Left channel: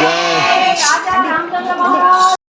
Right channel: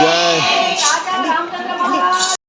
guy.